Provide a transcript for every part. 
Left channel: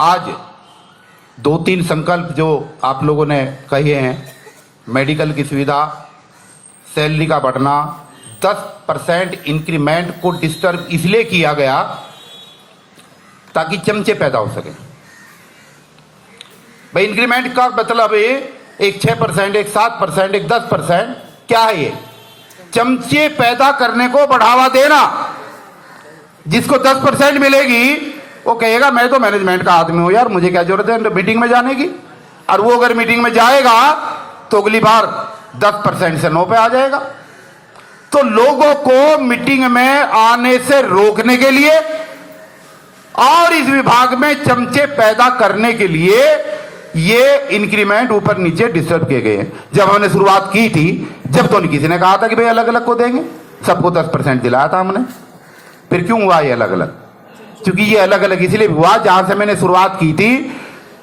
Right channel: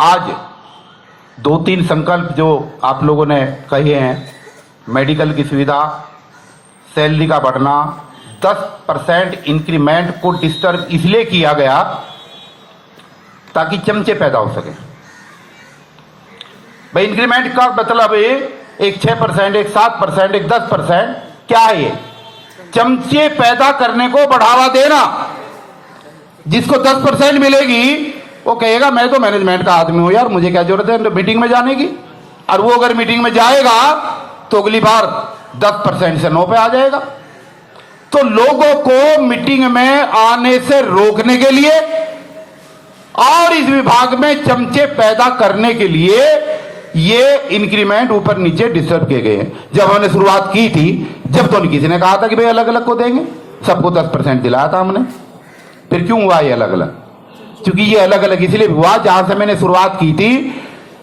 आज दो तीन संकल्प जो आप लोगों ने कहे हैं, मेडिकल की सुविधा, सैलरी का बढ़ना, 10% इंक्रीमेंट को डिस्टर्ब इसलिए किया गया ताकि चमचे पैदा हो सके। भाई इंक्रीमेंट का मतलब है एक 6%, एक 7%, एक 10%, क्या है ये? चमचे पैदा करने को बढ़ावा देना। जिसको 10% मिलेगी वो कहेगा मैं तो मैनेजमेंट का आदमी हूं यार, मुझे क्या जरूरत है मीटिंग में जाने की। और वो अगर मीटिंग में जाएगा तो अगली बार 10% से 9 पे आ जाएगा। तो लोगों को मीटिंग में आने से रोकने के लिए और इस विभाग में चमचे पैदा करने के लिए ये इंक्रीमेंट ऊपर नीचे डिस्टर्ब किए गए हैं। जब हमने शुरुआत की थी, जब तो किसी ने कहा था कि भाई अलग अलग को देंगे, सबको 10% दिलाया था हमने। फिर क्यों हुआ ये अलग अलग? क्योंकि ये अलग अलग इसलिए हुआ जहां से मैंने शुरुआत की थी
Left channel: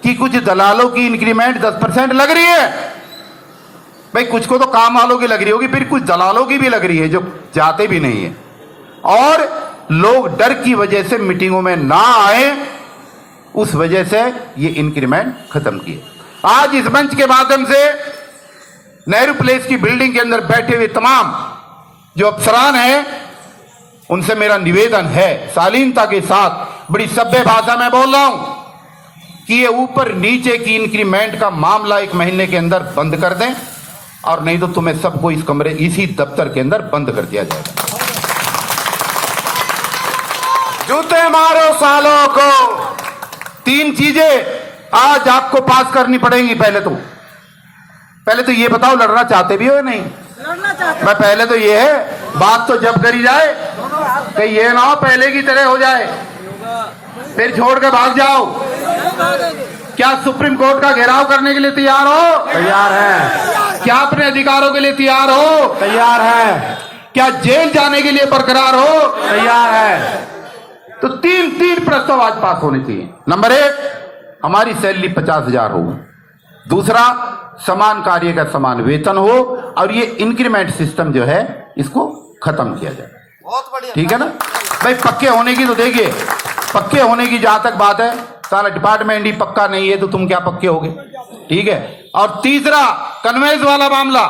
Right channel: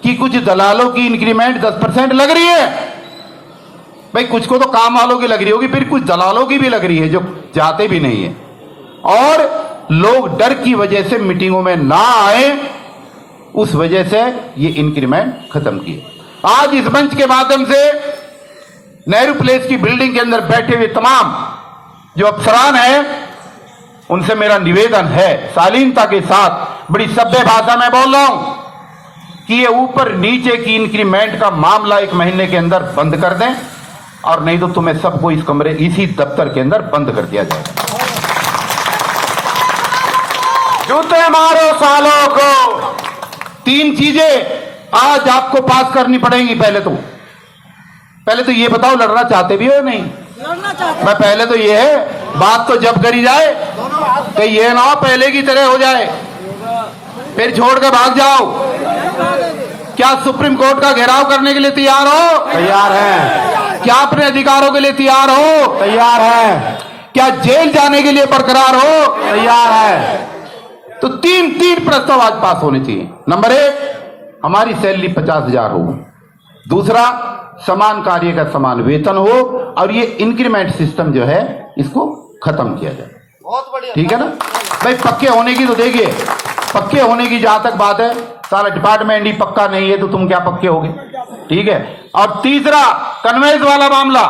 कि कुछ दलालों की इंक्रीमेंट 10% लग रही है। भाई कुछ को तो काम वालों की लग रही होगी, फिर कुछ दलालों की भी लग रही है जो जाते भी नहीं है। और लोग डर की वजह से मीटिंगों में ना आए, उस वजह से ये इंक्रीमेंट खत्म किए। आज इस मंच के माध्यम से नेहरू प्लेस की बिल्डिंग के अंदर बैठे हुए तमाम जो अफसरान हैं, उनसे मेरा निवेदन है, शालीनता के साथ बड़ी सभ्य भाषा में बोल रहा हूं कि ये ऊपर नीचे की इंक्रीमेंट का मामला 1 महीने के अंदर बंद कर दें, और नहीं तो तुम्हें सबको इस कमरे, इसी दफ्तर के अंदर बंद कर दिया जाएगा। जूते मारो सालों को। 3 चीजें आज आपको पास करनी पड़ेंगी। पहले तो ये बताओ, लड़ना चाहते भी हो नहीं? लड़ना चाहते। मैं पहले तो ये है, बात तो जब करी जाए कि ये ना हो पहले की तरह हो जाए, फिर छोड़ के भाग जाओ। क्या सुप्रीम कोर्ट का घेराव करने के लिए तैयार हो? तैयार है। क्या अपने अधिकारों के लिए तैयार हो? तैयार है। क्या जेल जाने के लिए बरकरार हो? तैयार है। तो 3 प्रस्ताव आज पास होने चाहिए। नंबर 1, हमारी सैलरी 50,000 हो। दूसरा, समान कार्य का समान वेतन हो, और ये इंक्रीमेंट सिस्टम जो है इसको खत्म किया जाए। बहुत बढ़िया, ठीक है ना भाई? पक्के होने की तो देखिए, पक्के होने की जहां तक बात है, सारा डिपार्टमेंट ही पक्का नहीं है तो तुम क्या पक्के होगे? ठीक है। और तीसरा, कन्वेंस वाला मामला,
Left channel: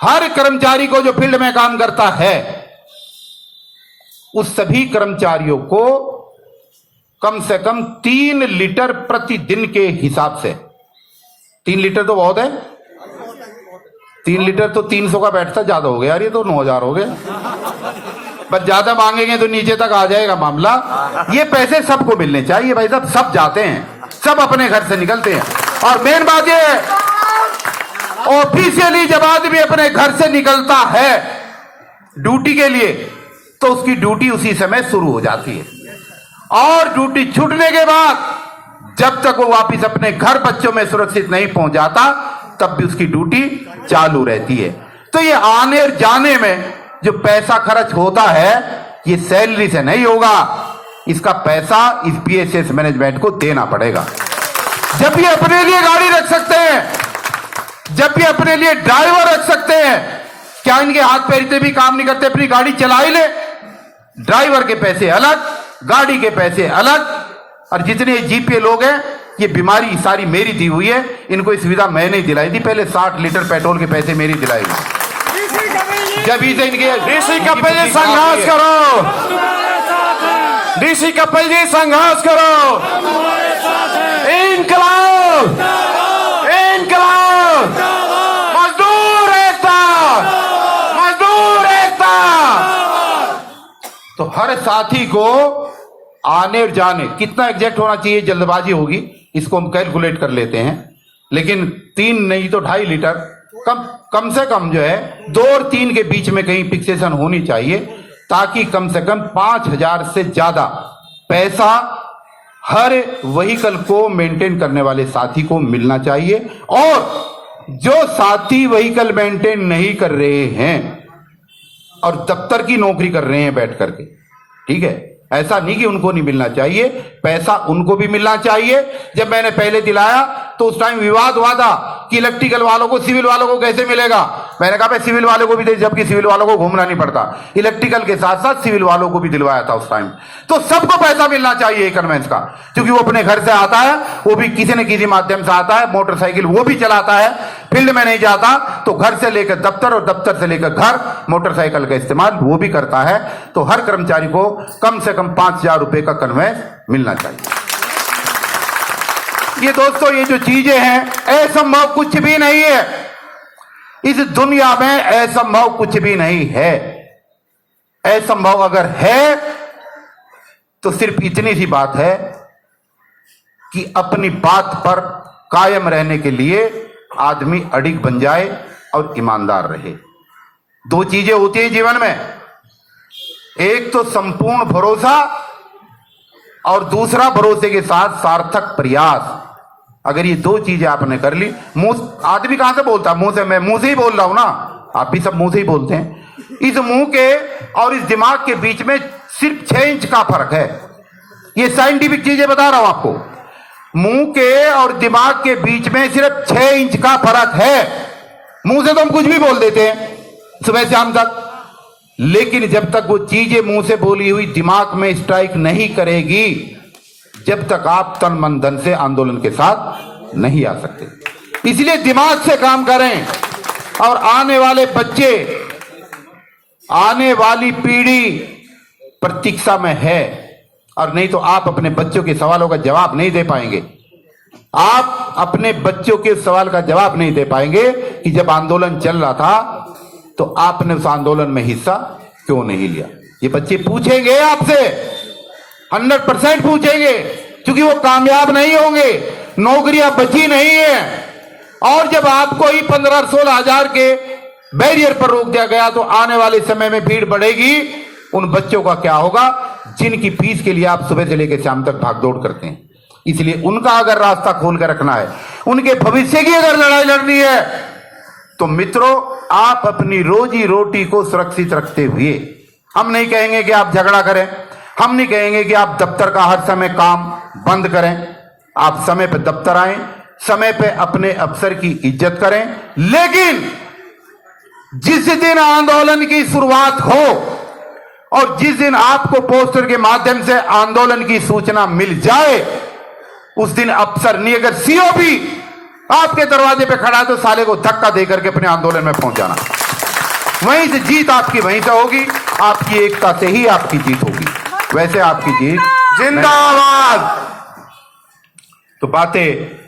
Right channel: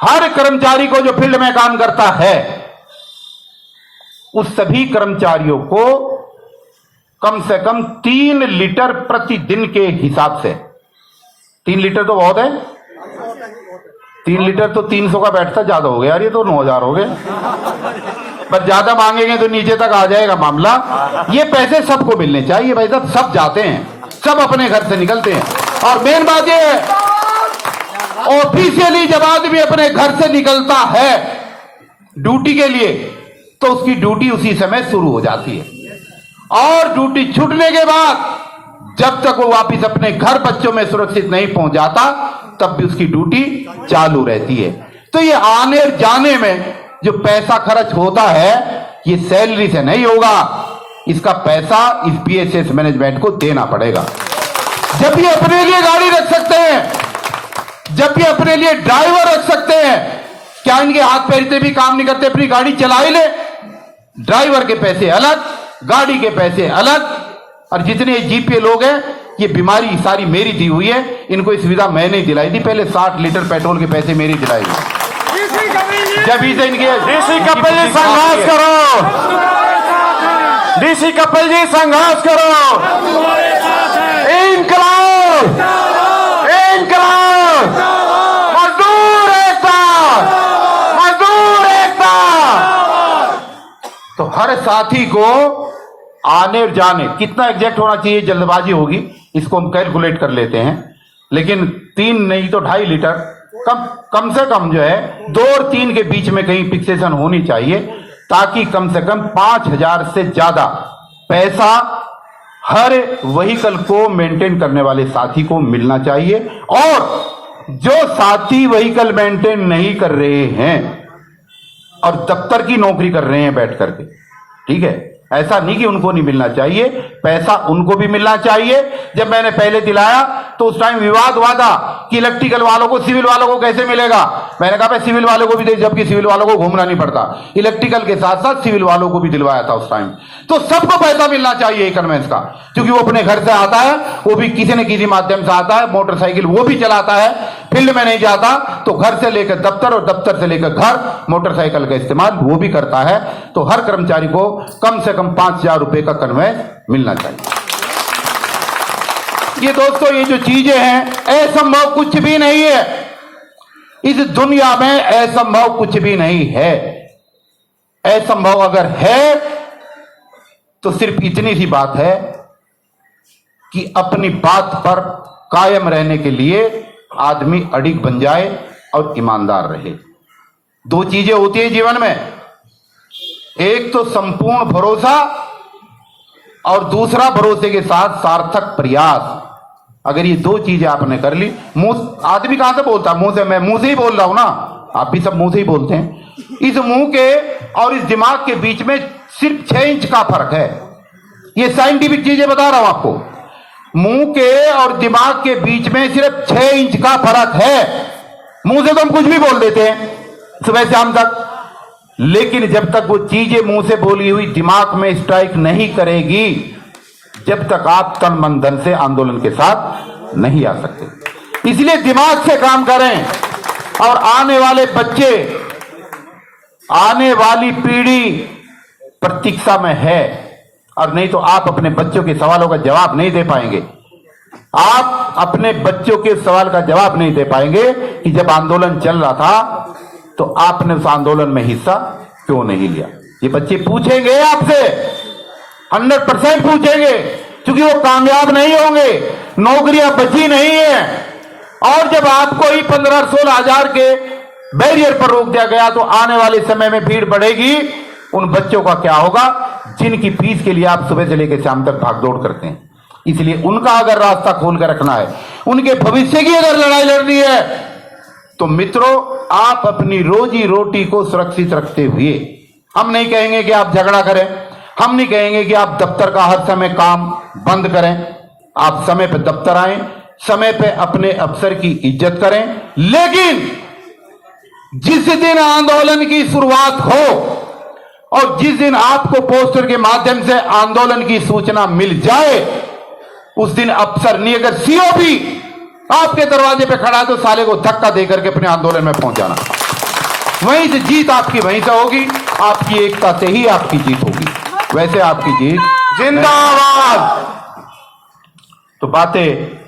हर कर्मचारी को जो फील्ड में काम करता है, उस सभी कर्मचारियों को कम से कम 3 लीटर प्रतिदिन के हिसाब से, 3 लीटर तो बहुत है, 3 लीटर तो 300 का बैठता ज्यादा हो गया यार, ये तो 9,000 हो गए। पर ज्यादा मांगेंगे तो नीचे तक आ जाएगा मामला। ये पैसे सबको मिलने चाहिए भाई साहब, सब जाते हैं, सब अपने घर से निकलते हैं। और मेन बात ये है, ऑफिशियली जब आदमी अपने घर से निकलता है ड्यूटी के लिए, तो उसकी ड्यूटी उसी समय शुरू हो जाती है, और ड्यूटी छूटने के बाद जब तक वो वापिस अपने घर बच्चों में सुरक्षित नहीं पहुंच जाता, तब भी उसकी ड्यूटी चालू रहती है। तो ये आने और जाने में जो पैसा खर्च होता है, ये सैलरी से नहीं होगा, इसका पैसा इस पीएसएस मैनेजमेंट को देना पड़ेगा। जब ये अपने लिए गाड़ी रख सकते हैं, जब ये अपने लिए ड्राइवर रख सकते हैं, क्या इनके हाथ पैर इतने भी काम नहीं करते? अपनी गाड़ी चला ही ले। ड्राइवर के पैसे अलग, गाड़ी के पैसे अलग। और जितने जीपीए लोग हैं, ये बीमारी सारी मेरी दी हुई है, इनको ये सुविधा मैंने दिलाई थी। पहले 60 लीटर पेट्रोल के पैसे मेरी दिलाई थी। जब इसे इनके डीसी कपिल जी संघर्ष करो, डीसी कपिल जी संघर्ष करो। इनकलाब, इनकलाब, मजदूर एकता, मजदूर एकता। तो हर साथी को आने और जाने कितना एग्जैक्ट होना चाहिए, जल्दबाजी होगी, इसको हम कैलकुलेट कर लेते हैं, लेकिन 3 नहीं तो 2.5 लीटर कम से कम जो है 2 और 3 के बीच में कहीं फिक्सेशन होनी चाहिए, ताकि कम से कम 5,000 से ज्यादा पैसा हर व्हीकल को मेंटेन करने वाले साथी को मिलना चाहिए। और जो साथी व्हीकल मेंटेन नहीं कर रहे हैं और दफ्तर की नौकरी कर रहे हैं बैठ करके, ठीक है, ऐसा नहीं कि उनको नहीं मिलना चाहिए, पैसा उनको भी मिलना चाहिए। जब मैंने पहले दिलाया तो उस टाइम विवाद हुआ था कि इलेक्ट्रिकल वालों को सिविल वालों को कैसे मिलेगा। मैंने कहा भाई सिविल वालों को भी दे, जबकि सिविल वालों को घूमना नहीं पड़ता, इलेक्ट्रिकल के साथ साथ सिविल वालों को भी दिलवाया था उस टाइम। तो सबको पैसा मिलना चाहिए कन्वेंस का, क्योंकि वो अपने घर से आता है, वो भी किसी न किसी माध्यम से आता है, मोटरसाइकिल वो भी चलाता है, फील्ड में नहीं जाता तो घर से लेकर दफ्तर और दफ्तर से लेकर घर मोटरसाइकिल का इस्तेमाल वो भी करता है। तो हर कर्मचारी को कम से कम 5,000 रुपए का कन्वेंस मिलना चाहिए। ये दोस्तों ये जो चीजें हैं, असंभव कुछ भी नहीं है इस दुनिया में, असंभव कुछ भी नहीं है। असंभव अगर है तो सिर्फ इतनी सी बात है कि अपनी बात पर कायम रहने के लिए आदमी अडिग बन जाए और ईमानदार रहे। दो चीजें होती है जीवन में, एक तो संपूर्ण भरोसा और दूसरा भरोसे के साथ सार्थक प्रयास। अगर ये दो चीजें आपने कर ली, मुंह आदमी कहां से बोलता है, मुंह से, मैं मुंह से ही बोल रहा हूं ना, आप भी सब मुंह से ही बोलते हैं। इस मुंह के और इस दिमाग के बीच में सिर्फ 6 इंच का फर्क है। ये साइंटिफिक चीजें बता रहा हूं आपको, मुंह के और दिमाग के बीच में सिर्फ 6 इंच का फर्क है। मुंह से तो हम कुछ भी बोल देते हैं सुबह शाम तक, लेकिन जब तक वो चीजें मुंह से बोली हुई दिमाग में स्ट्राइक नहीं करेगी, जब तक आप तन मन धन से आंदोलन के साथ नहीं आ सकते। इसलिए दिमाग से काम करें और आने वाले बच्चे, आने वाली पीढ़ी प्रतीक्षा में है, और नहीं तो आप अपने बच्चों के सवालों का जवाब नहीं दे पाएंगे। आप अपने बच्चों के सवाल का जवाब नहीं दे पाएंगे कि जब आंदोलन चल रहा था तो आपने उस आंदोलन में हिस्सा क्यों नहीं लिया। ये बच्चे पूछेंगे आपसे, 100% पूछेंगे, क्योंकि वो कामयाब नहीं होंगे, नौकरियां बची नहीं है। और जब आपको ही 15-16 हजार के बैरियर पर रोक दिया गया तो आने वाले समय में भीड़ बढ़ेगी। उन बच्चों का क्या होगा जिनकी फीस के लिए आप सुबह से लेकर शाम तक भागदौड़ करते हैं। इसलिए उनका अगर रास्ता खोल कर रखना है, उनके भविष्य की अगर लड़ाई लड़नी है, तो मित्रों आप अपनी रोजी रोटी को सुरक्षित रखते हुए, हम नहीं कहेंगे कि आप झगड़ा करें, हम नहीं कहेंगे कि आप दफ्तर का हर समय काम बंद करें। आप समय पर दफ्तर आएं, समय पे अपने अफसर की इज्जत करें, लेकिन जिस दिन आंदोलन की शुरुआत हो और जिस दिन आपको पोस्टर के माध्यम से आंदोलन की सूचना मिल जाए, उस दिन अफसर नहीं, अगर सीओ भी आपके दरवाजे पे खड़ा है तो साले को धक्का देकर के अपने आंदोलन में पहुंचाना। वहीं से जीत आपकी वहीं से होगी, आपकी एकता से ही आपकी जीत होगी। वैसे आपकी जीत जिंदाबाद। तो बातें